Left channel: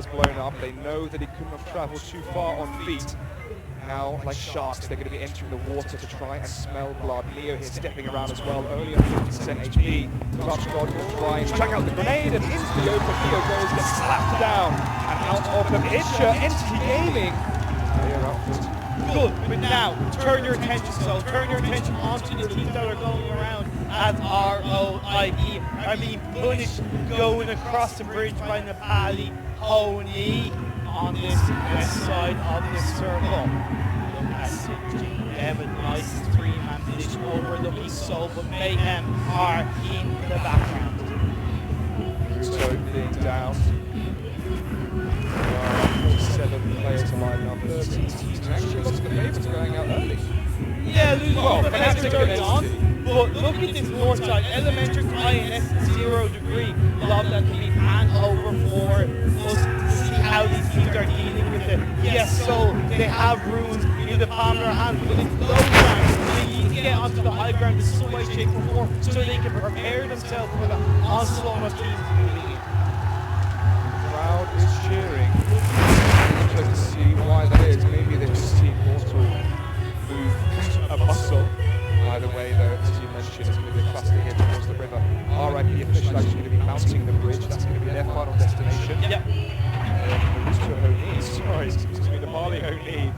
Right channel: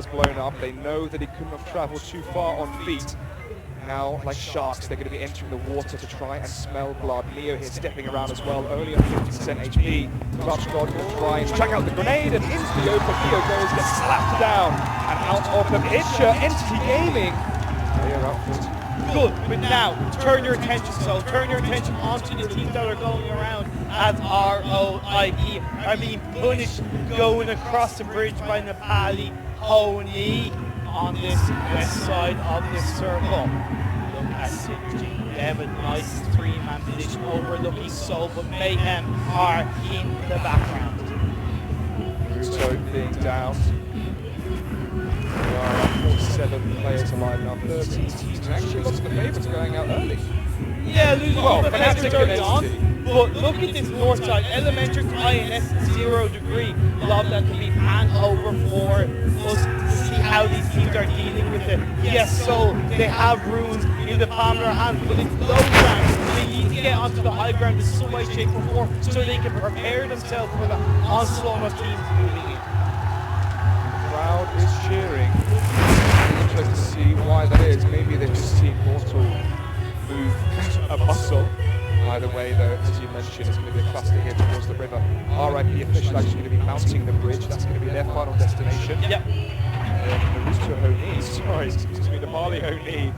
car's blown up. They know that he couldn't have travelled too far on feet. Now, like sharks, they're going to be entering the water to try and smell blood. Leo here stepping around as well, only on 50% HP. Clup's God will try and chuck out the grenade, and into the open Leo goes, gets slapped down. And out of the picture, Entity Gaming. They are up for good, but now turn your attention, turn your attention onto the teams that are going around as ROIP are being punished going across the bridge by Nepali Honey on this west side of the circle. Look at Synergy. They have a nice three-man position overlooking Soul, but Mayhem are in the background. Ruto being down. There are 47 players alive now, 13 teams. Actually, lots of the favourites going out early. Yeah, losing all the favourites early on. But look at this north side. Elementrix, INS, 0 degree. Love that to be hand over for us to see how these teams are dealing with it. Yes, so they have runes in the palm of their hands, but it's low ground. They need to get onto the high ground in some way, shape, or form so they can prepare themselves for the onslaught of teams moving in. Crowd is cheering. Interested to see why that is. Maybe they've just seen Mortal move a muscle. Either way, though, as you mentioned, it's going to be a cluster here towards the river. RIP official actually going to be mounting the bridge. That's going to be their final destination. Yep. Ruto Oni, sorry, excuse me, the Nepali Oni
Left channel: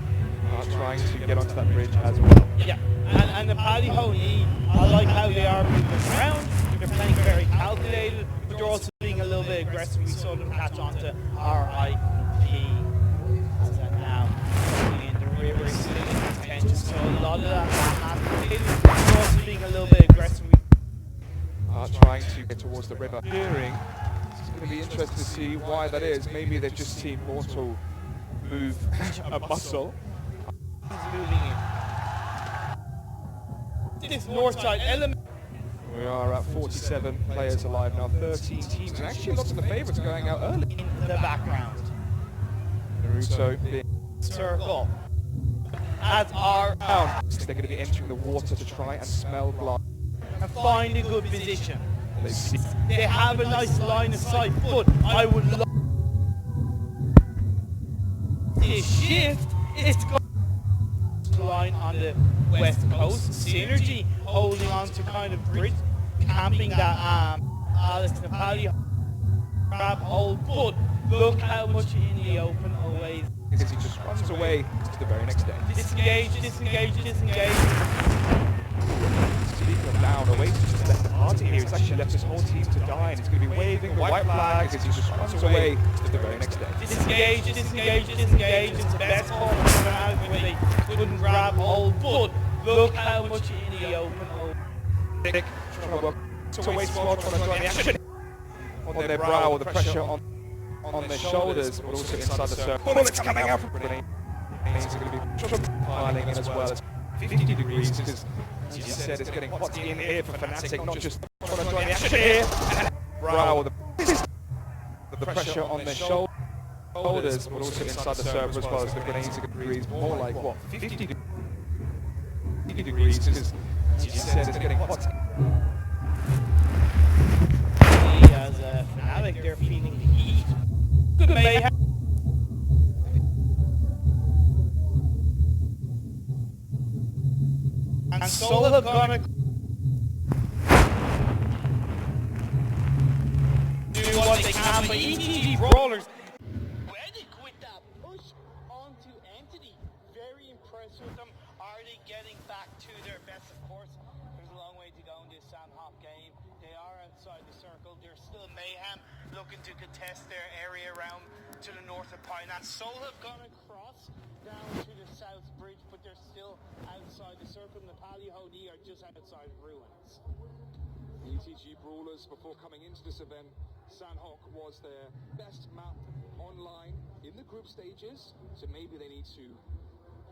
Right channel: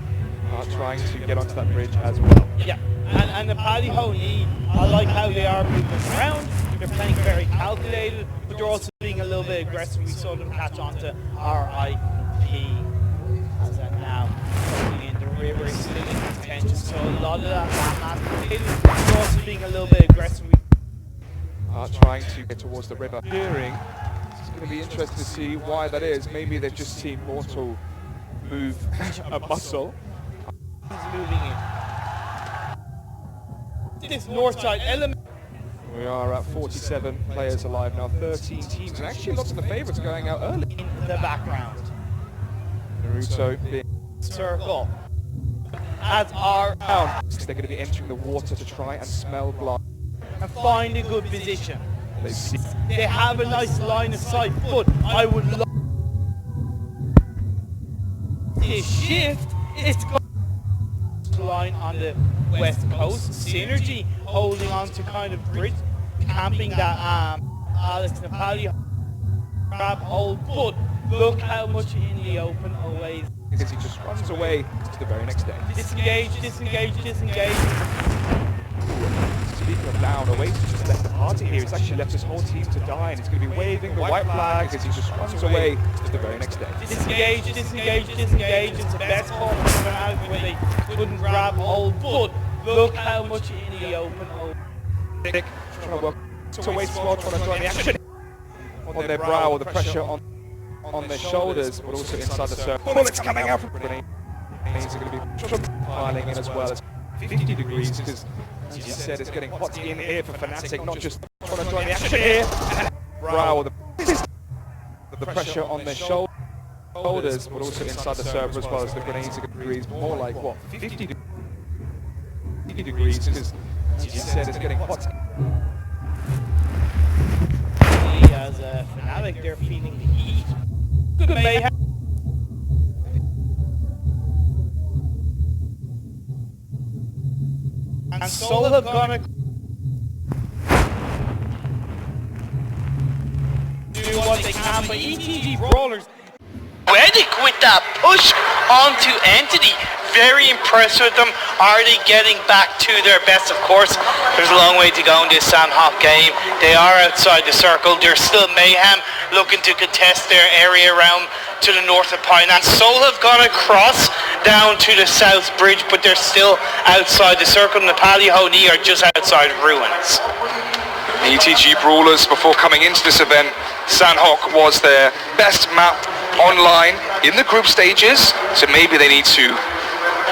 are trying to get onto that bridge as well. Yeah, and the Nepali Honey, I like how they are moving around. They're playing very calculated, but they're also being a little bit aggressive. We saw them catch on to RIP as that now coming in. The river is still in contention, so a lot of that they're also being a little bit aggressive. Trying to get towards the river. Cheering. It's going to be interesting to see why that is. Maybe they've just seen Mortal move a muscle. Moving in. This north side element. We are at 47 players alive now, 13 teams, and actually lots of the favourites going out early. In the background. Naruto being circle. As our they're going to be entering the water to try and smell blood. And find a good position. They have a nice line of sight, but I would love this shift. It's going line on the west coast. Synergy holding on to kind of bridge, camping that Alex Nepali grab hold. But look how much in the open away. Because he just runs away to the very next day. Disengage, disengage, disengage. Speaking of down, Oasis just left the party here. He's actually left his whole team to die, and he's going to be waving the white flag as he just runs away to the very next day. Disengage, disengage, disengage. It's the best call for them out where they couldn't grab hold. But look how much in the open. Nick trying to work to Oasis while trying to join the action on their brow, or the pressure on their shoulders, but also inside the circle. Bullets coming out from grenades are going to be piling in as well as 50 degrees, because as you said, it's getting hot in here for Fnatic, not just trying to join the action here. Brow, or the pressure on their shoulders, but also inside the server as well as the grenades are degrees, more like what, 50 degrees, because as you said, it's getting hot. As a Fnatic, they're feeling the heat. Good mayhem. And Soul have gonna do what they can, but ETG Brawlers Reddick with that push onto Entity. Very impressed with them. Are they getting back to their best? Of course, there's a long way to go in this Sandhawk game. They are outside the circle. There's still Mayhem looking to contest their area around to the north of Pine. And Soul have gone across down to the south bridge, but they're still outside the circle. Nepali Honey are just outside Ruins. ETG Brawlers, before coming into this event, Sandhawk was their best map online in the group stages, so maybe they need to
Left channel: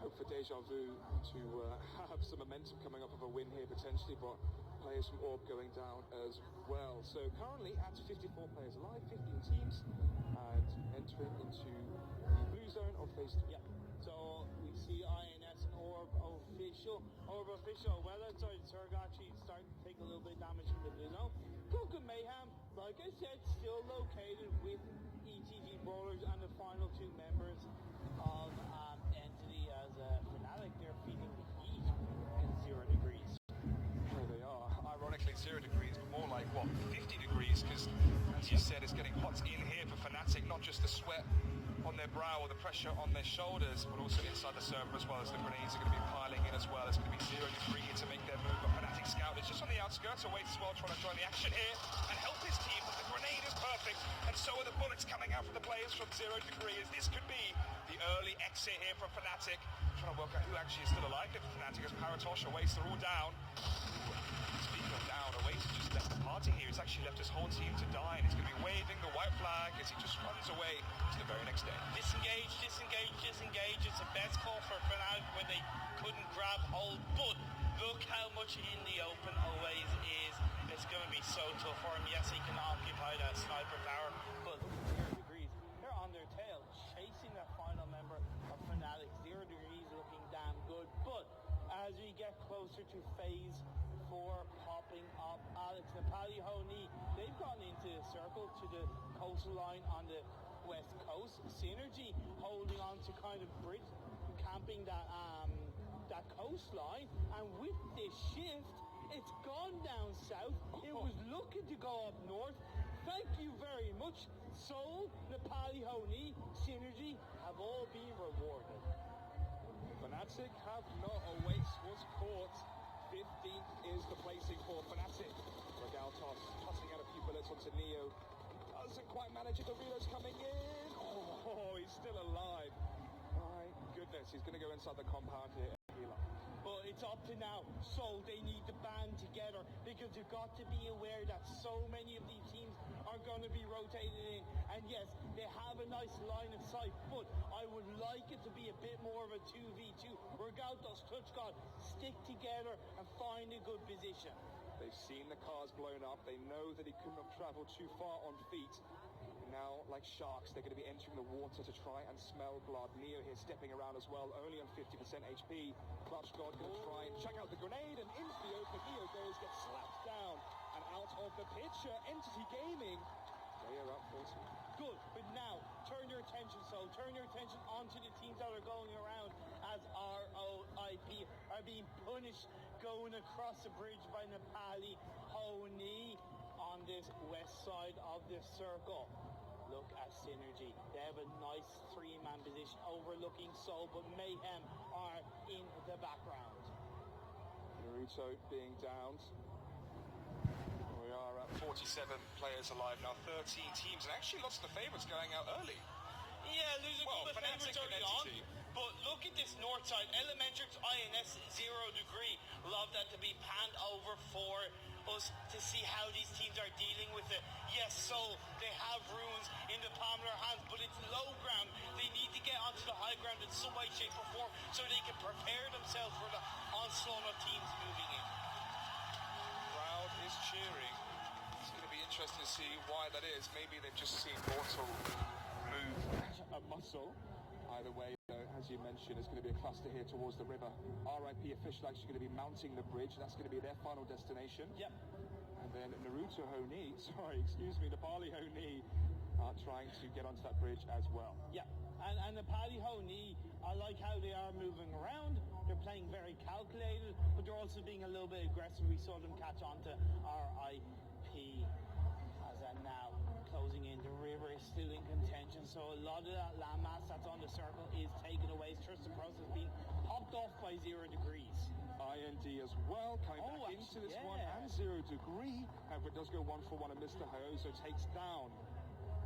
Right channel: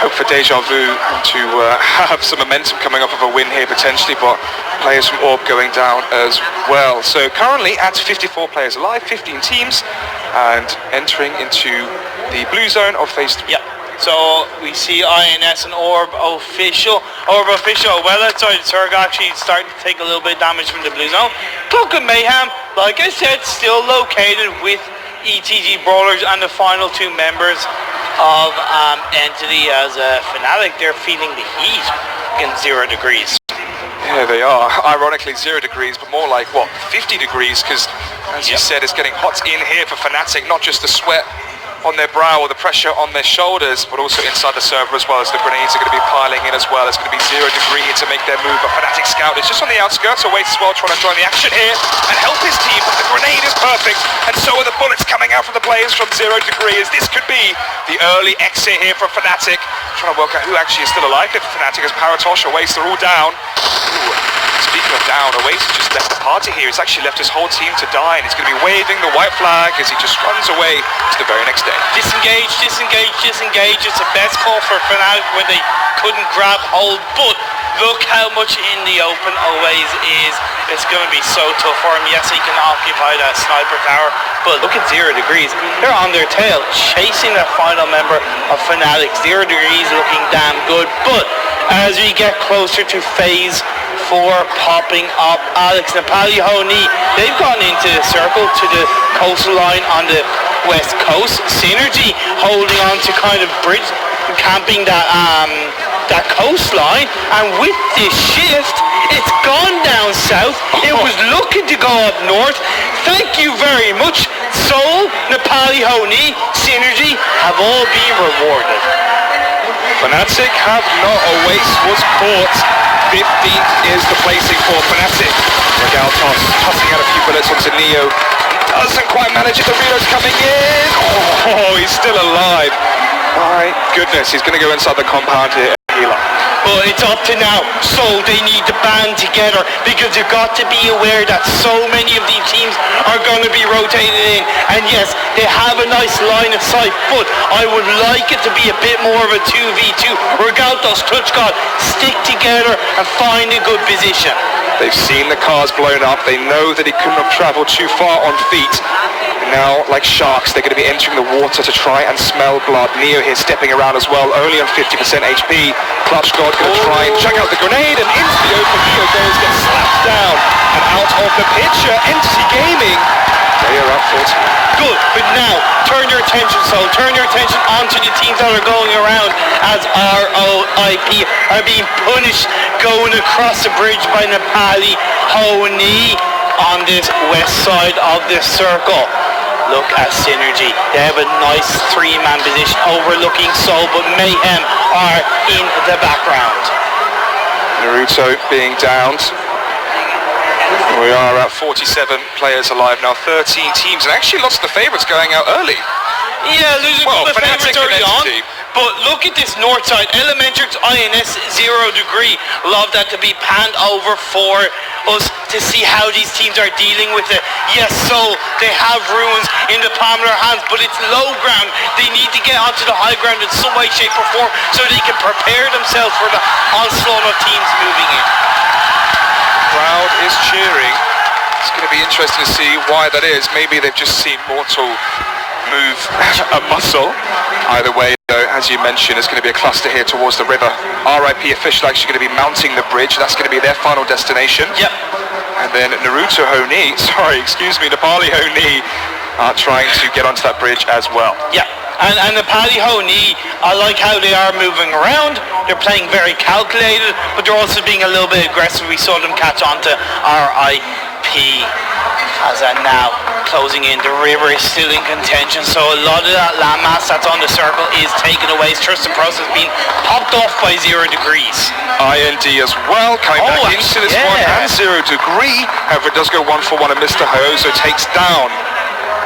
hope for deja vu to have some momentum coming off of a win here potentially, but players from Orb going down as well. So currently at 54 players alive, 15 teams, and entering into the blue zone of phase 3. Yep. So we see INS and Orb official. Orb official well outside the circle, actually starting to take a little bit of damage from the blue zone. Clup and Mayhem, like I said, still located with ETG Brawlers and the final two members of Entity as a Fnatic. They're feeling the heat in 0 degrees. Yeah, they are. Ironically, 0 degrees, but more like, what, 50 degrees? Because, as you said, it's getting hot in here for Fnatic, not just the sweat on their brow or the pressure on their shoulders, but also inside the server as well, as the grenades are going to be piling in as well. It's going to be 0 degree to make their move. But Fnatic Scout is just on the outskirts, awaits as well, trying to join the action here and help his team. But the grenade is perfect, and so are the bullets coming out from the players from 0 degree, as this could be the early exit here for Fnatic. Trying to work out who actually is still alive here for Fnatic, as Paratosh, Oasis, they're all down. Ooh. Speaking of down, Oasis just left the party here. He's actually left his whole team to die, and he's going to be waving the white flag as he just runs away to the very next day. Disengage, disengage, disengage. It's the best call for Fnatic when they couldn't grab hold, but look how much in the open Oasis is. It's going to be so tough for him. Yes, he can occupy that sniper tower, but look at 0 degrees. They're on their tail, chasing that final member of Fnatic. 0 degrees looking damn good, but as we get closer to phase 4 popping up, Alex, Nepali Honi, they've gone into the circle to the coastline on the west coast. Synergy holding on to kind of bridge, camping that coastline, and with this shift, it's gone down south. It was looking to go up north. Thank you very much. Soul, Nepali Honi, Synergy have all been rewarded. Fnatic have not. Oasis was caught. 15th is the placing for Fnatic. Regaltos tossing out a few bullets onto Neo. Doesn't quite manage it. The reload's coming in. Oh, he's still alive. My goodness, he's going to go inside the compound here. But it's up to now. So they need to band together, because you've got to be aware that so many of these teams are going to be rotated in. And yes, they have a nice line of sight, but I would like it to be a bit more of a 2v2. Regaltos, Clutch God, stick together and find a good position. They've seen the cars blown up. They know that he couldn't have traveled too far on feet. Now, like sharks, they're going to be entering the water to try and smell blood. Neo here stepping around as well, only on 50% HP. Clutch God going to try and chuck out the grenade, and into the open Neo goes, gets slapped down. And out of the picture, Entity Gaming, they are up 40. Good, but now, turn your attention onto the teams that are going around, as ROIP are being punished going across the bridge by Nepali Honi on this west side of the circle. Look at Synergy. They have a nice 3-man position overlooking Soul, but Mayhem are in the background. Naruto being downed. We are at 47 players alive now, 13 teams, and actually lots of the favourites going out early. Yeah, losing the favourites early on. But look at this north side. Elementrix, INS, 0 degree. Love that to be panned over for us to see how these teams are dealing with it. Yes, so they have ruins in the palm of their hands, but it's low ground. They need to get onto the high ground in some way, shape or form, so they can prepare themselves for the onslaught of teams moving in. Crowd is cheering. It's going to be interesting to see why that is. Maybe they've just seen Mortal move a muscle. Either way, though, as you mentioned, it's going to be a cluster here towards the river. RIP official actually going to be mounting the bridge. That's going to be their final destination. Yep. And then Naruto Honi, Nepali Honi are trying to get onto that bridge as well. Yeah. And the Nepali Honi, I like how they are moving around. They're playing very calculated, but they're also being a little bit aggressive. We saw them catch on to RIP. As now closing in, the river is still in contention, so a lot of that landmass that's on the circle is taken away. Trust the process being popped off by 0 degrees. IND as well, coming back into this one, and 0 degree. However, it does go 1-for-1, and Mr. Hayoso takes down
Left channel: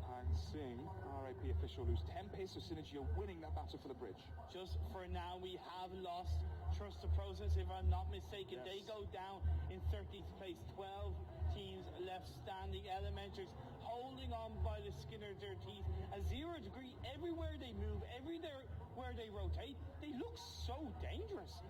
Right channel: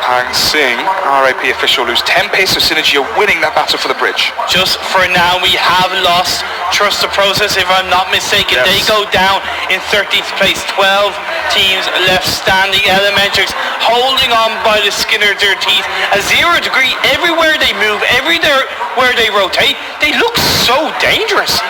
Pang Sing. RIP official lose 10 pace of Synergy are winning that battle for the bridge. Just for now, we have lost Trust the Process, if I'm not mistaken. Yes. They go down in 13th place. 12 teams left standing. Elementrix holding on by the skin of their teeth. A 0 degree everywhere they move, everywhere they rotate. They look so dangerous.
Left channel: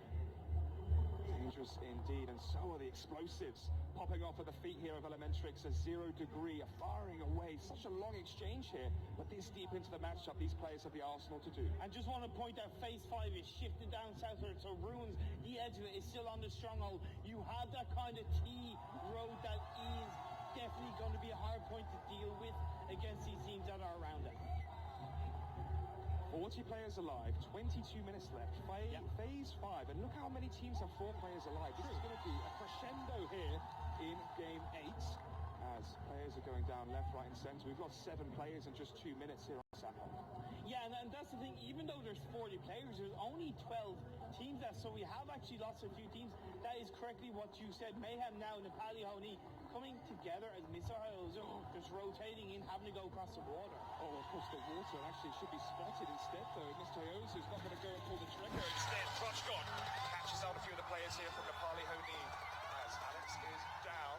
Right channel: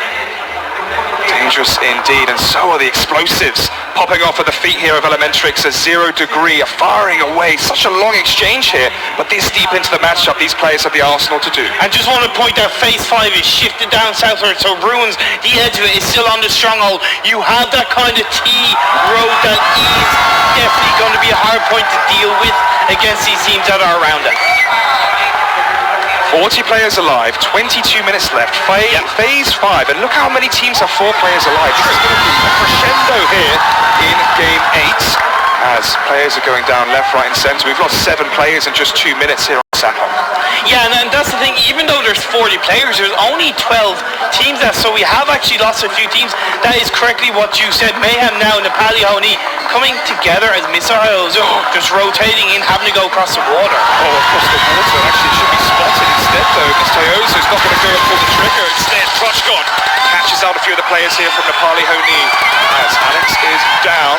Dangerous indeed, and so are the explosives popping off at the feet here of Elementrix. A 0 degree, firing away. Such a long exchange here, but this deep into the matchup, these players have the arsenal to do. And just want to point out, phase 5 is shifted down southward, so Ruins, the edge of it, is still on the stronghold. You have that kind of T road that is definitely going to be a hard point to deal with against these teams that are around it. 40 players alive, 22 minutes left, phase 5, and look how many teams have 4 players alive. This is going to be a crescendo here in game 8, as players are going down left, right and centre. We've lost 7 players in just 2 minutes here on Sanhok. Yeah, and that's the thing, even though there's 40 players, there's only 12 teams left, so we have actually lost a few teams. That is correctly what you said. Mayhem now, Nepali Honi, coming together as Mr. Hayozo, just rotating in, having to go across the water. Oh, across the water, actually it should be spotted instead though. Mr. Hayozo's not going to go and pull the trigger. Instead, Prochkon catches out a few of the players here from Nepali Honi, as Alex is down.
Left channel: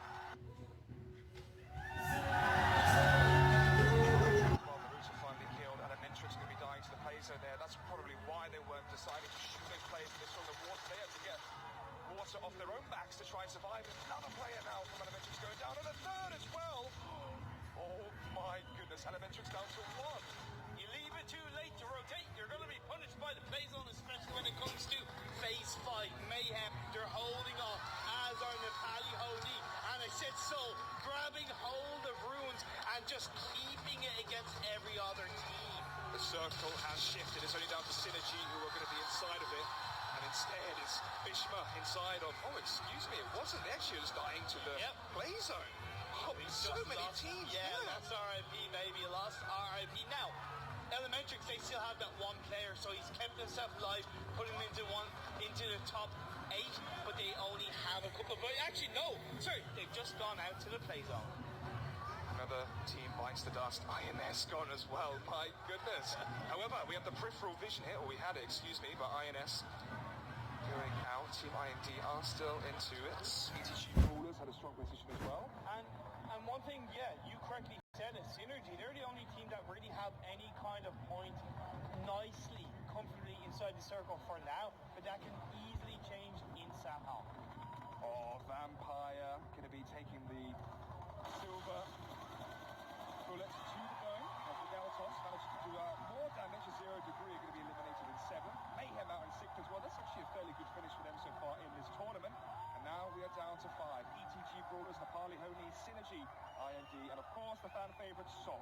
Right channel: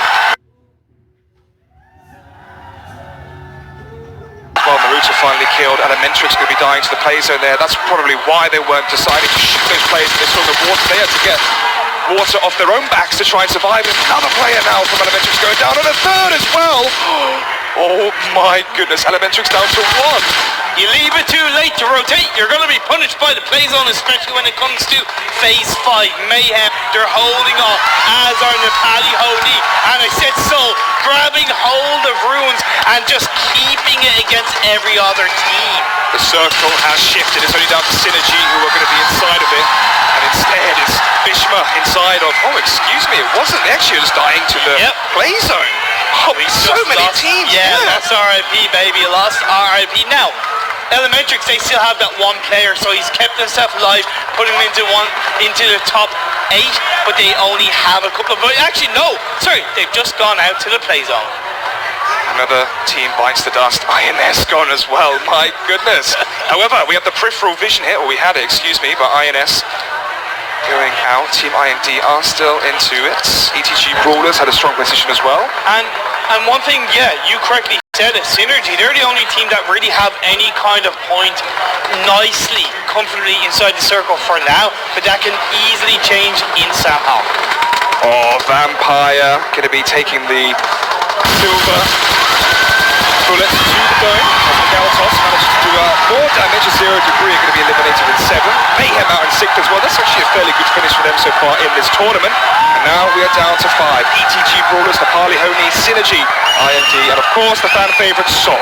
Well, Maruta finally killed. Elementrix going to be dying to the play zone there. That's probably why they weren't deciding to shoot those players when they saw the water. They had to get water off their own backs to try and survive. Another player now from Elementrix going down, and a third as well. Oh my goodness, Elementrix down to 1. You leave it too late to rotate, you're going to be punished by the play zone, especially when it comes to phase 5. Mayhem, they're holding off, as are Nepali Honi. And I said so, grabbing hold of Ruins and just keeping it against every other team. The circle has shifted. It's only down to Synergy who are going to be inside of it. And instead it's Bishma inside of, oh excuse me, it wasn't. They actually just dying to the play zone. Oh, so many teams. Yeah, that's RIP, baby. Lost RIP. Now, Elementrix, they still have that one player, so he's kept himself alive, putting him into the top 8, but they only have a couple of... Actually, no. Sorry, they've just gone out to the play zone. Another team bites the dust. INS gone as well. My goodness. However, we have the peripheral vision here, or we had it, excuse me, but INS going out. Team IND are still into it. ETG Brawlers had a strong position as well. And one thing, yeah, you correctly said it, Synergy, they're the only team that really have any kind of point nicely, comfortably inside the circle for now, but that can easily change in Sanhok. Oh, Vampire going to be taking the silver bullet to the dome. Galtos managed to do more damage, a 0 degree, going to be eliminated in 7. Mayhem out in 6th as well. That's actually a fairly good finish for them so far in this tournament. And now we are down to 5. ETG Brawlers, Nepali Honi, Synergy, IND, and of course the fan favourite Soul.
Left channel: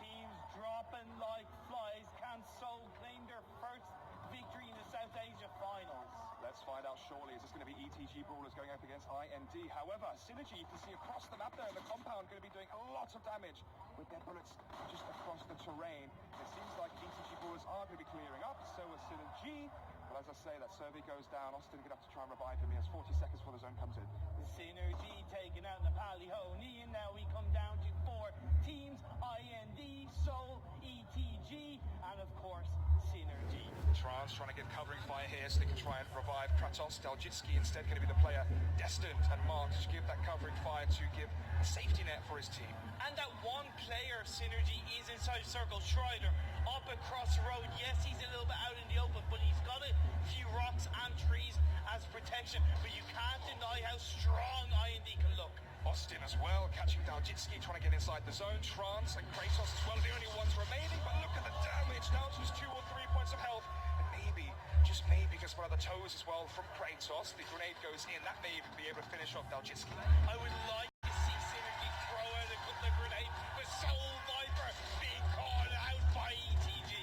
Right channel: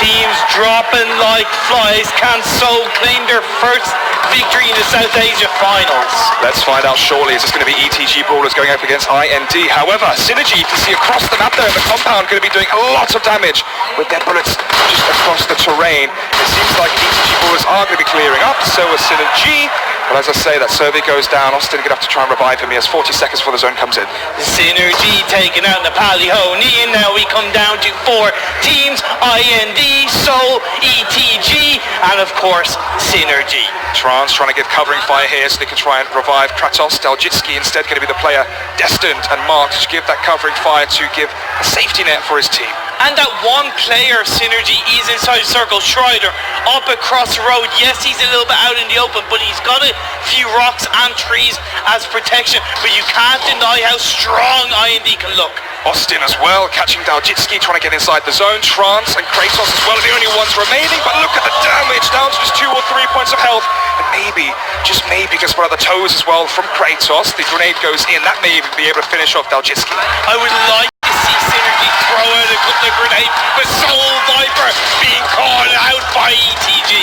Teams dropping like flies. Can Seoul claim their first victory in the South Asia Finals? Let's find out shortly. Is this going to be ETG Brawlers going up against IND? However, Synergy, you can see across the map there in the compound, going to be doing a lot of damage with their bullets just across the terrain. It seems like ETG Brawlers are going to be clearing up, so is Synergy. But as I say, that survey goes down. Austin going to have to try and revive him. He has 40 seconds before the zone comes in. Synergy taking out Nepali Honi, and now we come down to 4 teams, IND, Seoul, ETG, and of course, Synergy. Trance trying to give covering fire here so they can try and revive Kratos. Daljitski instead going to be the player destined and marked to give that covering fire to give a safety net for his team. And that one player, Synergy, is inside the circle. Schreider up across the road. Yes, he's a little bit out in the open, but he's got a few rocks and trees as protection. But you can't deny how strong IND can look. Austin as well, catching Daljitski, trying to get inside the zone. Trance and Kratos as well are the only ones remaining, but look at the damage, down to just 2 or 3 points of health. And maybe, just maybe, gets one of the toes as well from Kratos. The grenade goes in, that may even be able to finish off Daljitski. I would like to see Synergy throw out a couple of grenades, but Soul Viper being called out by ETG.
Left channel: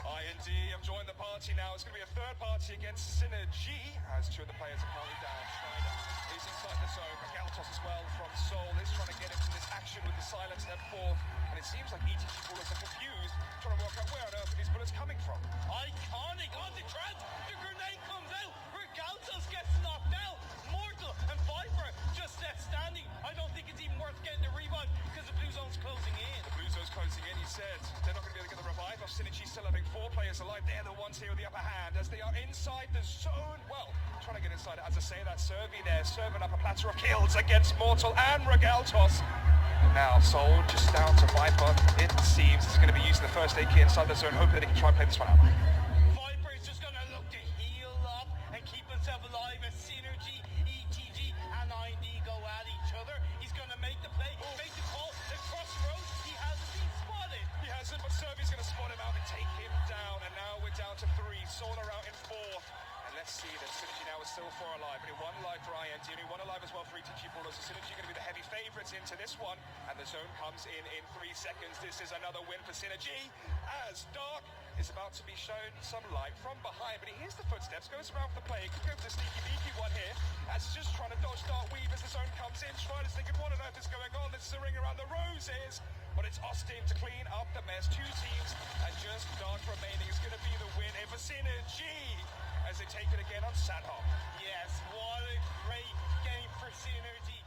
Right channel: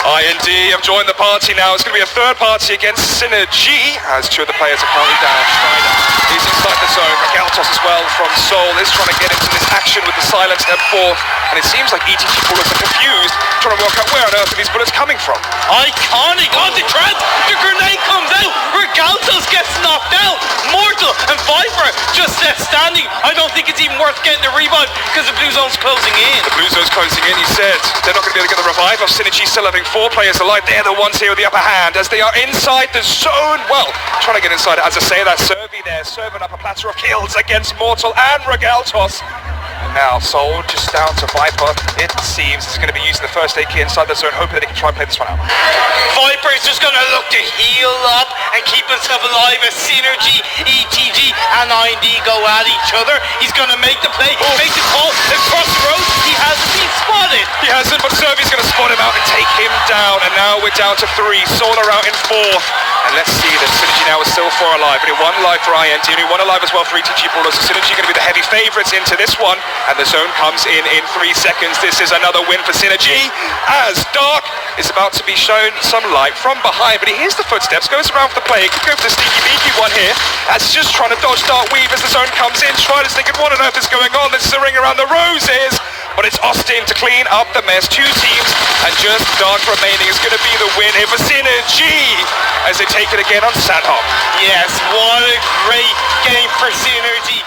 IND have joined the party now. It's going to be a third party against Synergy, as 2 of the players are currently down. Schneider is inside the zone. Ragaltos as well from Seoul is trying to get into this action with the silence step 4. And it seems like ETG Brawlers are confused, trying to work out where on earth are these bullets coming from. Iconic on the trans. The grenade comes out. Ragaltos gets knocked out. Mortal and Viper just left standing. I don't think it's even worth getting the revive because the blue zone's closing in. The blue zone's closing in, he said. They're not going to be able to get the revive of Synergy, still having 4 players alive. They're the ones here with the upper hand as they are inside the zone. Well, trying to get inside, as I say, that Servi there, serving up a platter of kills against Mortal and Ragaltos. Now, Soul just down to Viper. It seems he's going to be using the first aid kit inside the zone, hoping that he can try and play this one out. Viper is just going to look to heal up and keep himself alive as Synergy, ETG and IND go at each other. He's going to make the play, make the call across the road. He hasn't been spotted. He hasn't, but Servi's going to spot him out and take him down. And now we're down to 3. Solar out in 4th. And let's see, the Synergy now is still 4 alive. Only 1 alive for INT, only 1 alive as well for ETG Brawlers. So Synergy going to be the heavy favourites into this one. And the zone comes in 3 seconds. This is another win for Synergy, as Dark is about to be shown some light from behind. But he hears the footsteps, goes around for the play. He could go for the sneaky beaky one here. That's just trying to dodge Dark Weave as the zone comes in. Strider's thinking, what on earth is going on? This is a ring around the roses. But it's Austin to clean up the mess. 2 teams, and just Dark remaining is going to be the win here for Synergy as they take it again on Sandhawk. Yes, what a great game for Synergy.